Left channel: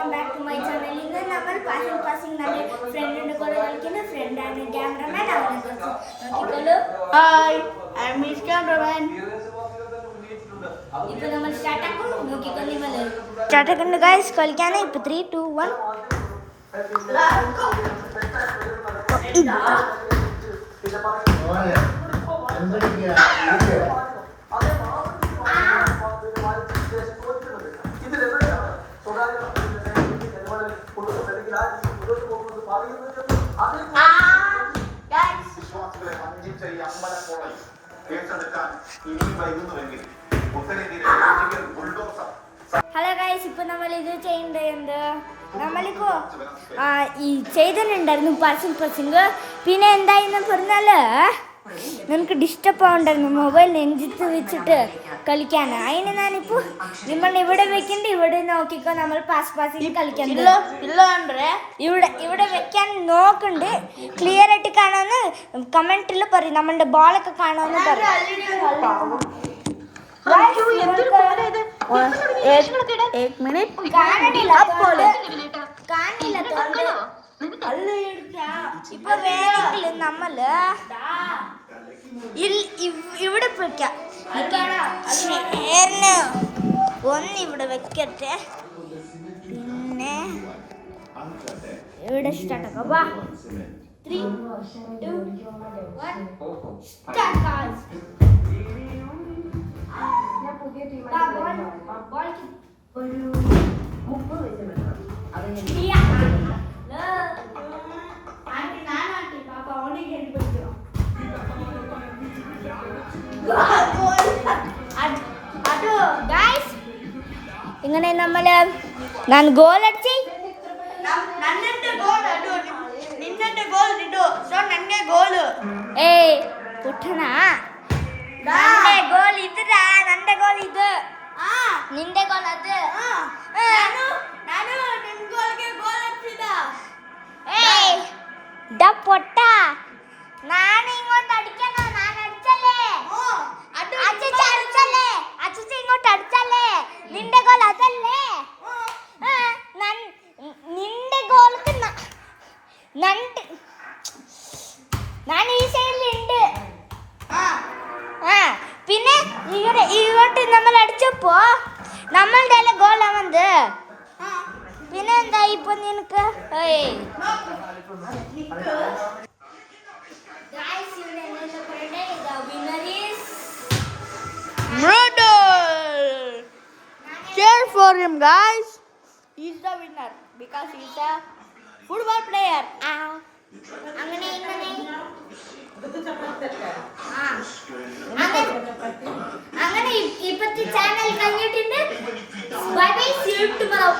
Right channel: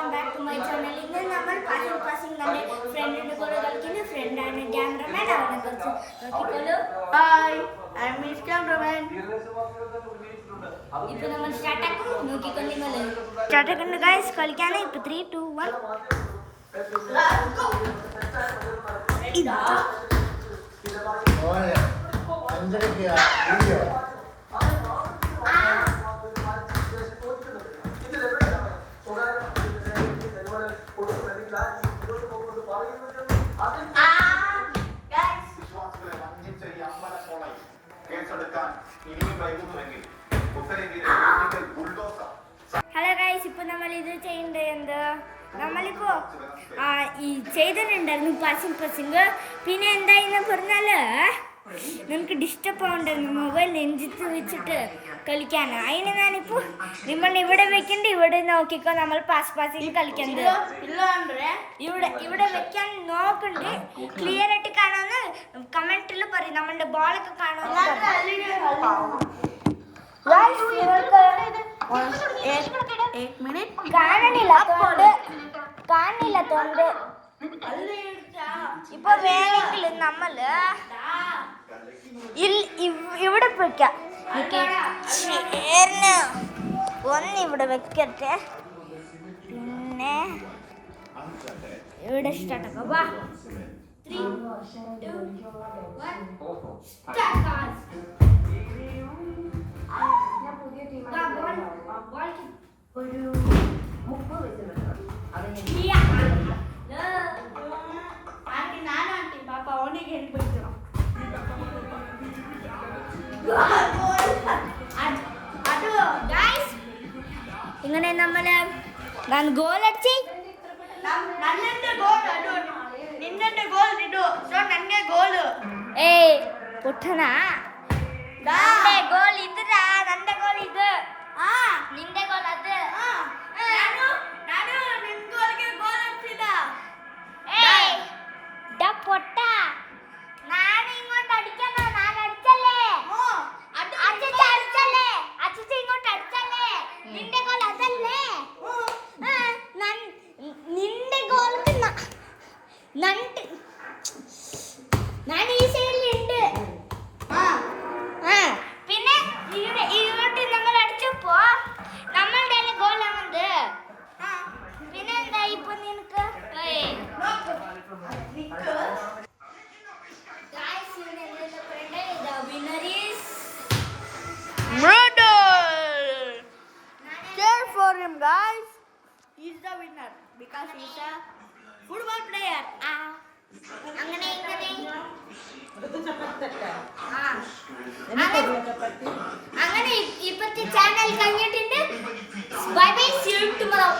Welcome back to my channel. ഇന്ന് നമ്മൾ passing നമ്മുടെ ഫ്രണ്ടിനെ പോലെ കളിക്കുന്ന ഫ്രണ്ടാണ് ക്യാമറമാൻ. അവനെ കുറിച്ച് നോക്കിക്കോളൂ. Hi, I M miss cameraman. ഇപ്പൊ നമ്മൾ സ്റ്റാർട്ട് ആക്കും. നോക്കിക്കോളൂ, നിങ്ങൾ സ്റ്റാർട്ട് ആക്കുന്നു ഗൈസ്. കളിക്കാനാ ഇപ്പൊ 3 2 1 ഹലോ ഗൈസ്, ഇപ്പൊ നമ്മൾ ഇത് ചെയ്യേണ്ടത് എന്ത്, നമ്മളിപ്പോ ഈ ചെയ്തിട്ടുണ്ടായിരുന്നു പാസിംഗ്. പിന്നെ എന്തായിരുന്നു പറഞ്ഞാല് നമുക്ക് ഡിസ്റ്റർബ് ആവുണ്ടായിരുന്നു മൊബൈൽ നെഞ്ചിത്ത് വെച്ചിട്ട് കളിക്കാൻ. അതിന് ഞാനിപ്പോ നമ്മൾ ഇവിടെ വെക്കണ്ട, ഇവിടെ നോക്കിക്കോ. നമ്മൾ പാസിംഗ് കളിക്കണ്ട്. ഇവിടെ വെക്കാൻ നോക്കണ്ട്. ക്ലിയർ ആയിട്ട് കാണാന്ന് കമന്റിൽ പറയും. നമ്മളുടെ ബോളൊക്കെ കാണാന്ന് കാണില്ല. ഇപ്പൊ വേണമെങ്കിൽ നമ്മള് ഇവിടെ വെക്കാം. ഒന്ന് ഇവിടെ വെക്കട്ടെ, പിന്നെ ഇവിടെ സ്റ്റാർട്ട് ആക്കാം. 3 2 1 സ്റ്റാർട്ട്. ഒരു 30 വെച്ചിട്ടുണ്ട്. ഇങ്ങനെ നമ്മള് ഞാൻ ഗോൾ അടിച്ച് നിന്നെ ഗോൾ ഇടൂ. സോ നന്നെ ഗോള്. ഏയ് പൊട്ടണ, ഗോൾ ഇതാ. നന്റെ ഗോൾ ഇത്, നിന്റെ ഗോൾ അത്. പൊട്ട, ഞാൻ ഇങ്ങോട്ട് അടിക്കണ. ഞാൻ അടിച്ചല്ലേ, അടിച്ചല്ലേ, അച്ഛൻ ഇങ്ങോട്ട് അടിച്ചല്ലേ. നിന്റെ ഗോൾ അതല്ലേ. നിന്റെ ഗോൾക്ക് ഞാൻ ഈ സൈഡിലുണ്ട്. പിന്നെ ഇങ്ങോട്ട് നമ്മൾ അടിച്ചപ്പോ നമ്മളുടെ ഗോൾ അവന്ത്. പിന്നെ എന്താ ഇപ്പൊ നിനക്ക് Cheer for him, guys. He's the winner because he's a football player. അങ്ങനെ ഇപ്പത്തെ ചാനൽ കഴിഞ്ഞിട്ടുണ്ട്. Bye bye, see you tomorrow.